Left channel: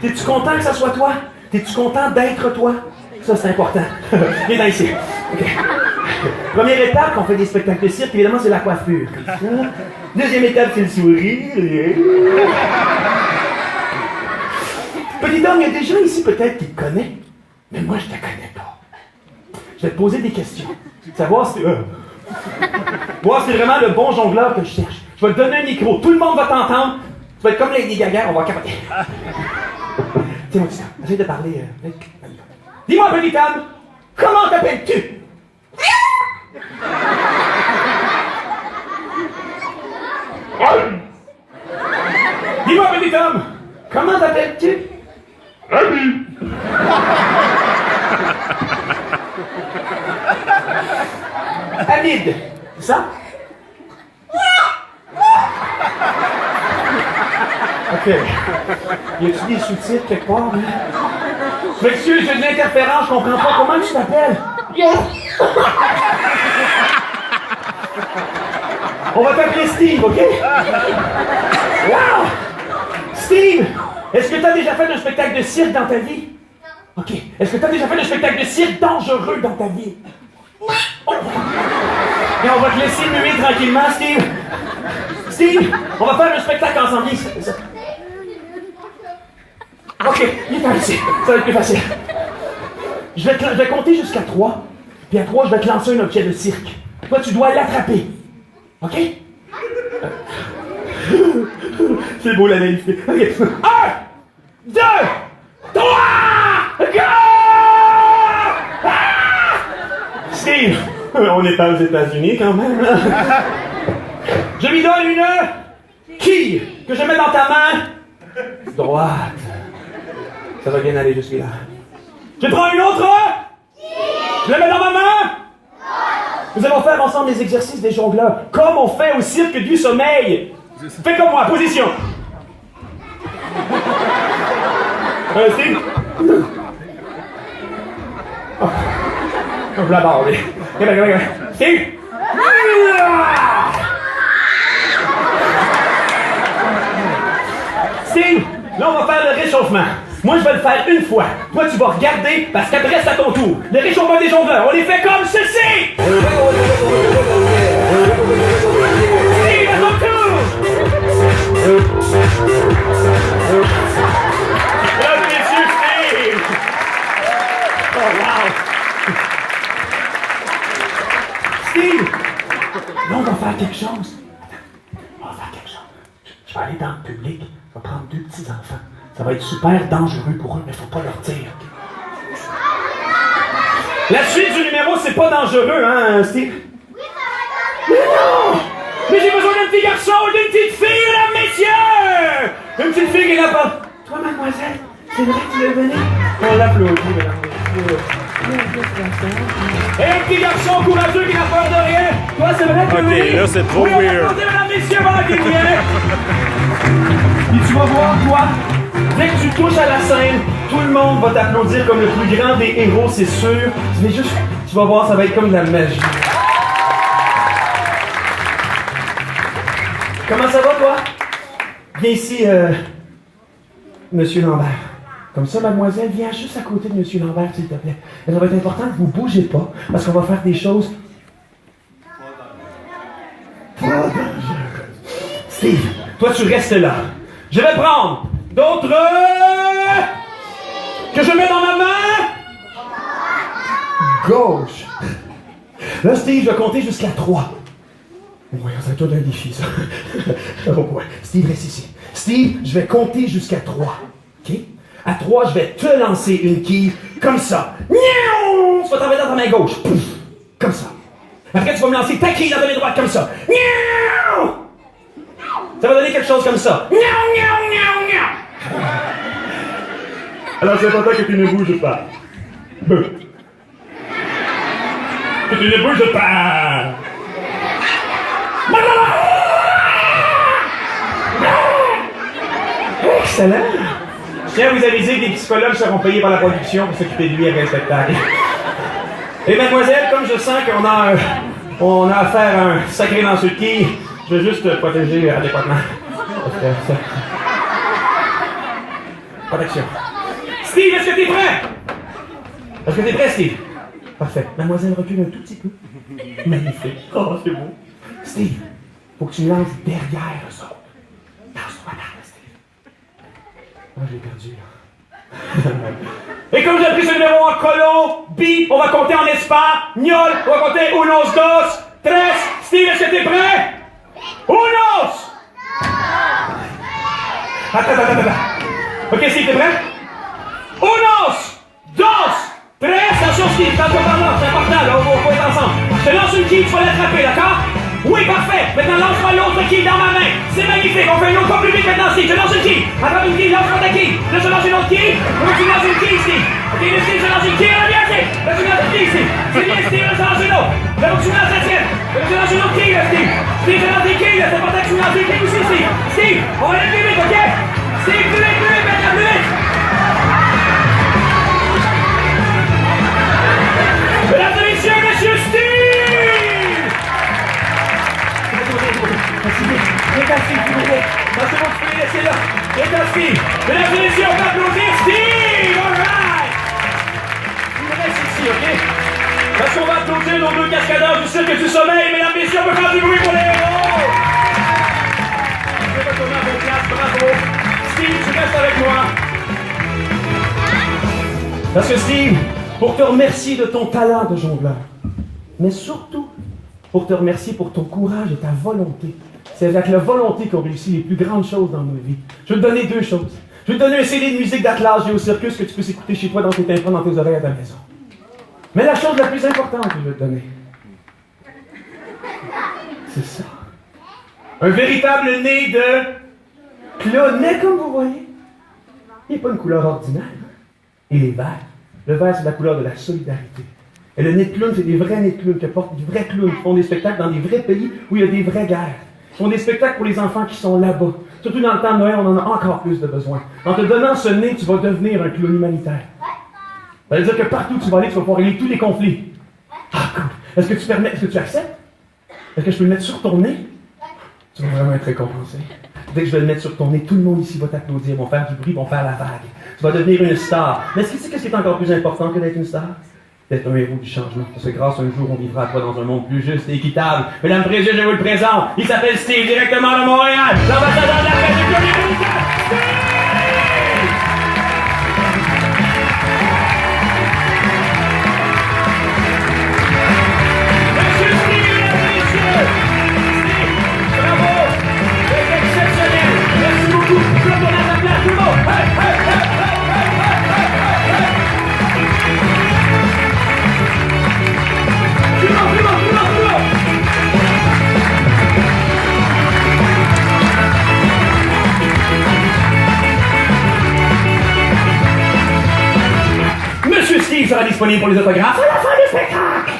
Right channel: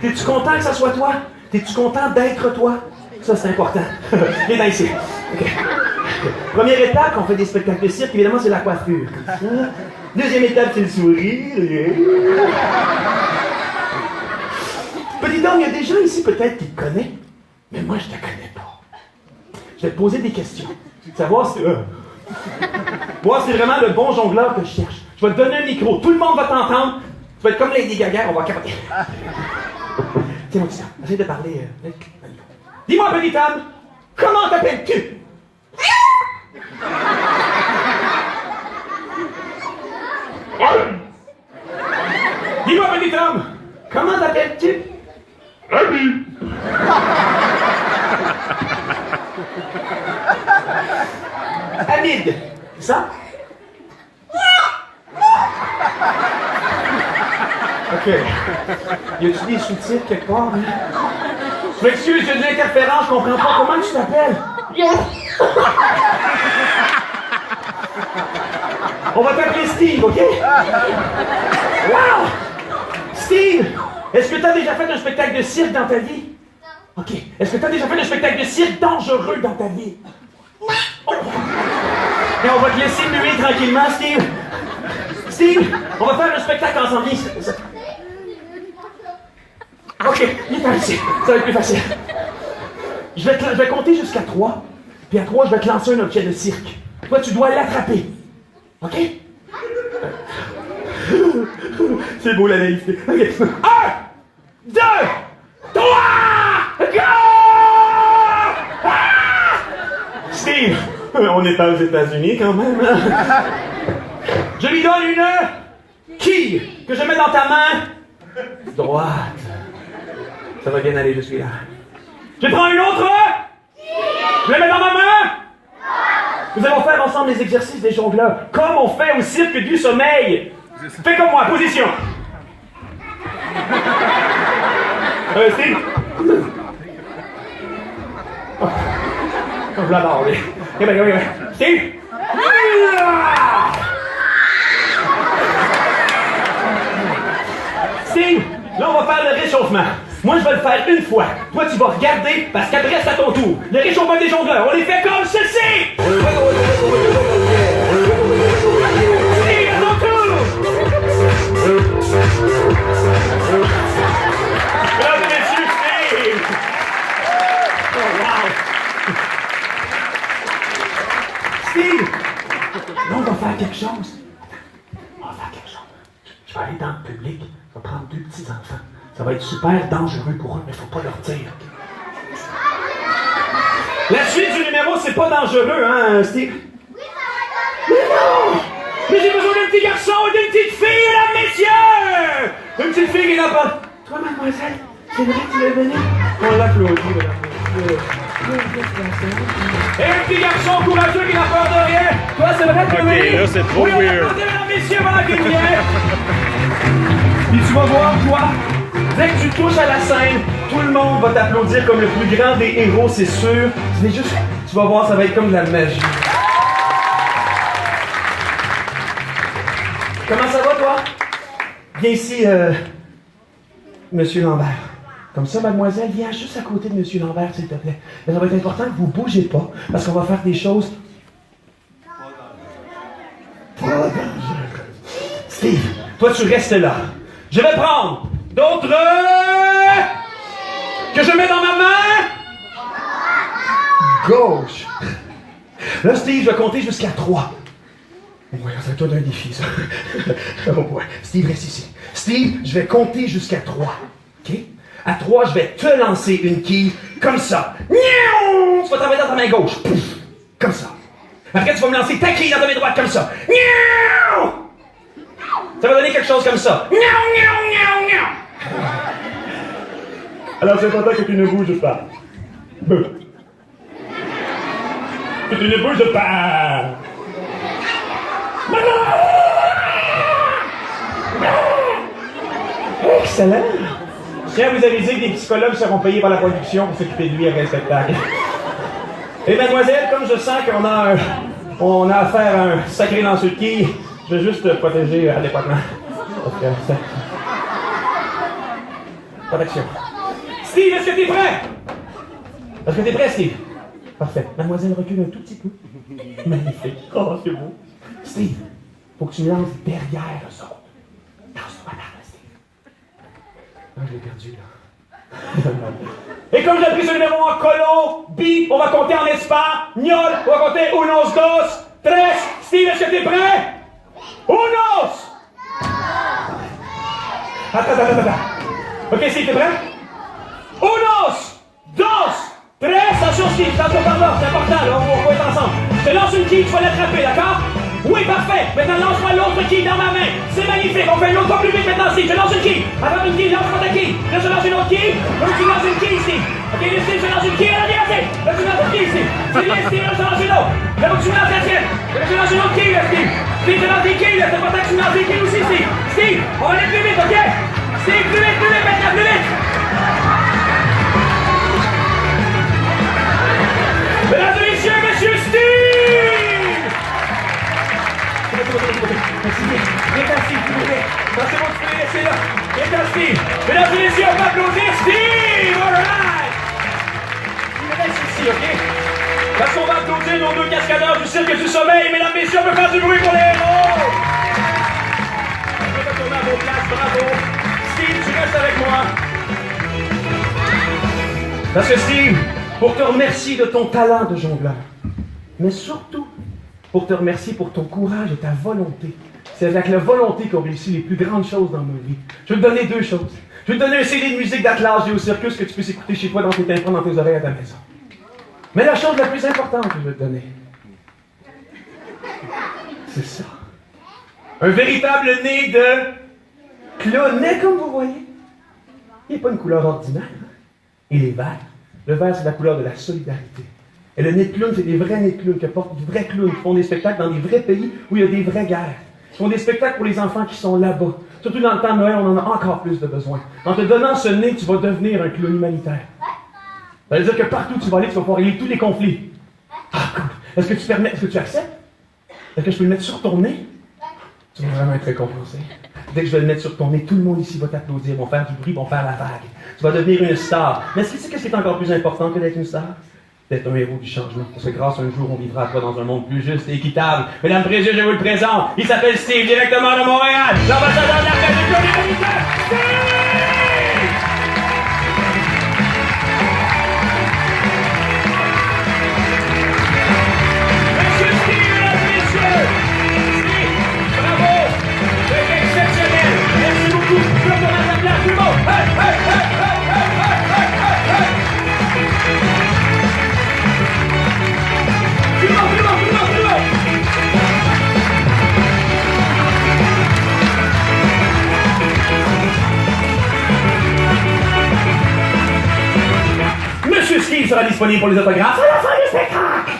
T'es-tu content que ça soit toi? T'es-tu content d'être toi? Ça, c'est important. Viens là ici. Okay. Première étape, on fait des spectacles de cirque, évidemment, c'est la coiffure. Deuxième étape, c'est le sourire. Petit homme, il y a des gens ici peut-être qui te connaissent, mais moi, je te connais pas. Je vais te poser des questions. Savoir si voir si c'est vraiment le bon jongleur que je cherche. Je vais te donner un micro, tout le monde va t'entendre. Tu vas être comme Lady Gaga, on va capoter. Tiens-moi ça, essaye de parler. Dis-moi, petit homme, comment t'appelles-tu? Dis-moi, petit homme, comment t'appelles-tu? Hamid, c'est ça? Ok. Y a-tu des sous-titres quelque part? Hein? Je m'excuse, j'ai de l'interférence, je comprends pas. Comment tu t'appelles? On va t'appeler Steve, ok? Wow! Steve, est-ce que tu as déjà fait un spectacle de cirque dans ta vie? Ok. Est-ce que tu as déjà fait un spectacle de cirque dangereux dans ta vie? Oh. Et on va te laisser muer tranquillement, Steve. Steve, on va faire un spectacle ensemble. Ok, viens ici. Ça va être plus facile. Je vais compter jusqu'à 3. Puis à 3, je vais te lancer un objet de cirque. Toi, tu dois l'attraper. OK? C'est beau la naïveté. OK. 1, 2, 3, go! Steve, on n'est pas aux États-Unis quand même. Je lui donne une quille que je mets dans ta main droite. Ça va bien aller jusque-là. Je prends une autre. Je la mets dans ma main. Nous allons faire ensemble les exercices des jongleurs, comme on fait au cirque du sommeil. Fais comme moi, position. Steve. Oh. Je la barre, Steve. Steve, là on va faire le réchauffement. Moi je vais le faire une fois. Toi tu vas regarder parce qu'après c'est à ton tour. Le réchauffement des jongleurs, on les fait comme ceci. Steve, à ton tour. Mesdames et messieurs, Steve. Oh wow. Steve, là on va faire quelque chose. Je vais aller dans le public, je vais prendre 2 petits enfants. Ça va être super dangereux pour eux, mais il ne faut pas leur dire. La suite du numéro, c'est pas dangereux, hein, Steve? Oui, ça va être dangereux! Mais non! Mais j'ai besoin d'un petit garçon, d'une petite fille, mesdames, messieurs! Une petite fille qui est là pas. Toi, mademoiselle, c'est vrai que tu veux venir? On l'applaudit, mesdames. Et un petit garçon courageux qui n'a peur de rien. Toi, c'est vrai que ok, là, c'est trop weird. Mesdames, messieurs, voilà qui vient. Puis tu vas voir, toi, dès que tu touches à la scène, tout le monde va t'applaudir comme le plus grand des héros, c'est sûr. Mais juste, tu vas voir, ça va être comme de la magie. Comment ça va, toi? Viens ici, Monsieur Lambert. Comme ça, mademoiselle, viens juste à côté de Monsieur Lambert, s'il te plaît. Et ça va être important que vous ne bougez pas, parce qu'on va faire des choses... Pas dangereuses. Steve, toi, tu restes là. Je vais prendre d'autres... que je mets dans ma main... gauche. Là, Steve, je vais compter jusqu'à 3. Ouais, c'est toi d'un défi, ça. Oh, ouais. Steve, reste ici. Steve, je vais compter jusqu'à 3. OK? À 3, je vais te lancer une quille comme ça. Niaou! Tu vas travailler dans ta main gauche. Pouf! Comme ça. Après, tu vas me lancer ta quille dans ta main droite comme ça. Niaou! Ça va donner quelque chose comme ça. Niaou, niaou, niaou, niaou! Alors, c'est important que tu ne bouges pas. Que tu ne bouges pas. Excellent! Je tiens à vous aviser que des psychologues seront payés par la production pour s'occuper de lui après le spectacle. Et mademoiselle, comme je sens qu'on a affaire à un sacré lanceur de quilles, je vais juste te protéger adéquatement. Pas d'action. Steve, est-ce que t'es prêt? Est-ce que t'es prêt, Steve? Parfait. Mademoiselle recule un tout petit peu. Magnifique. Oh, c'est beau. Steve, faut que tu lances derrière eux autres. Lance-toi là, Steve. Oh, je l'ai perdu, là. Et comme j'ai appris ce numéro en colo, B, on va compter en espagnol. On va compter unos, dos, tres. Steve, est-ce que t'es prêt? Unos! Attends. Ok, Steve, t'es prêt? Unos, dos, tres. Attention, Steve, attention par là, c'est important, là, on va être ensemble. Je te lance une quille, tu vas l'attraper, d'accord? Oui, parfait. Maintenant, lance-moi l'autre quille dans ma main. C'est magnifique. On fait une autre fois plus vite maintenant, Steve. Je lance une quille. Attrape une quille, lance-moi ta quille. Là, je lance une autre quille. Là, tu lances une quille, Steve. Ok, là, Steve, je lance une quille. Là, bien, Steve. Là, tu lances une quille, Steve. C'est bien, Steve. Là, je lance une autre. Là, tu lances la tienne. Là, je lance une autre quille, là, Steve. Steve, je lance une quille, là. C'est important que tu lances une quille aussi, Steve. Steve, on va aller plus vite, ok? Steve, plus vite, maintenant, plus vite. Mesdames et messieurs, monsieur Steve! Merci, s'il vous plaît. Non, c'est bon, tu peux les laisser là. Viens, Steve. Mesdames et messieurs, on va applaudir Steve! All right! Il reste ici, ok? Parce qu'on va applaudir nos deux cascadeurs du Cirque du Soleil. Mesdames et messieurs, on peut faire du bruit pour les héros! Je vais retourner à vos places, bravo. Steve, tu restes avec moi. Parce que Steve, pour te remercier de ton talent de jongleur, mais surtout pour te remercier pour ton courage et ta volonté. C'est avec la volonté qu'on réussit les plus grandes choses dans nos vies. Je vais te donner deux choses. Je vais te donner un CD de musique d'Atlas Géo Circus que tu peux écouter chez toi dans tes tympans, dans tes oreilles à ta maison. Mais la chose la plus importante que je vais te donner, c'est ça. Un véritable nez de clown. Mais comme vous voyez, il n'est pas une couleur ordinaire. Il est vert. Le vert, c'est la couleur de la solidarité. Et le nez de clown, c'est des vrais nez de clown qui portent des vrais clowns, qui font des spectacles dans des vrais pays où il y a des vraies guerres. Ils font des spectacles pour les enfants qui sont là-bas. Surtout dans le temps de Noël, on en a encore plus de besoin. En te donnant ce nez, tu vas devenir un clown humanitaire. Ça veut dire que partout où tu vas aller, tu vas pouvoir régler tous les conflits. Ah, cool. Est-ce que tu acceptes? Est-ce que je peux le mettre sur ton nez? Tu vas vraiment être récompensé. Dès que je vais le mettre sur ton nez, tout le monde ici va t'applaudir, vont faire du bruit, vont faire la vague. Tu vas devenir une star. Mais est-ce que tu sais qu'est-ce qui est encore plus important que d'être une star? D'être un héros du changement. Parce que grâce à un jour, on vivra après dans un monde plus juste et équitable. Mesdames et messieurs, je vous le présente. Il s'appelle Steve, directement de Montréal. L'ambassadeur de la paix du Clown humanitaire, Steve! Monsieur Steve, mesdames et messieurs! Steve, bravo! C'est exceptionnel! Merci beaucoup! Tout le monde dans la place, tout le monde! Hey, hey, hey, hey, hey, hey, hey, hey, hey. Monsieur Steve sera disponible pour les autographes à la fin du spectacle.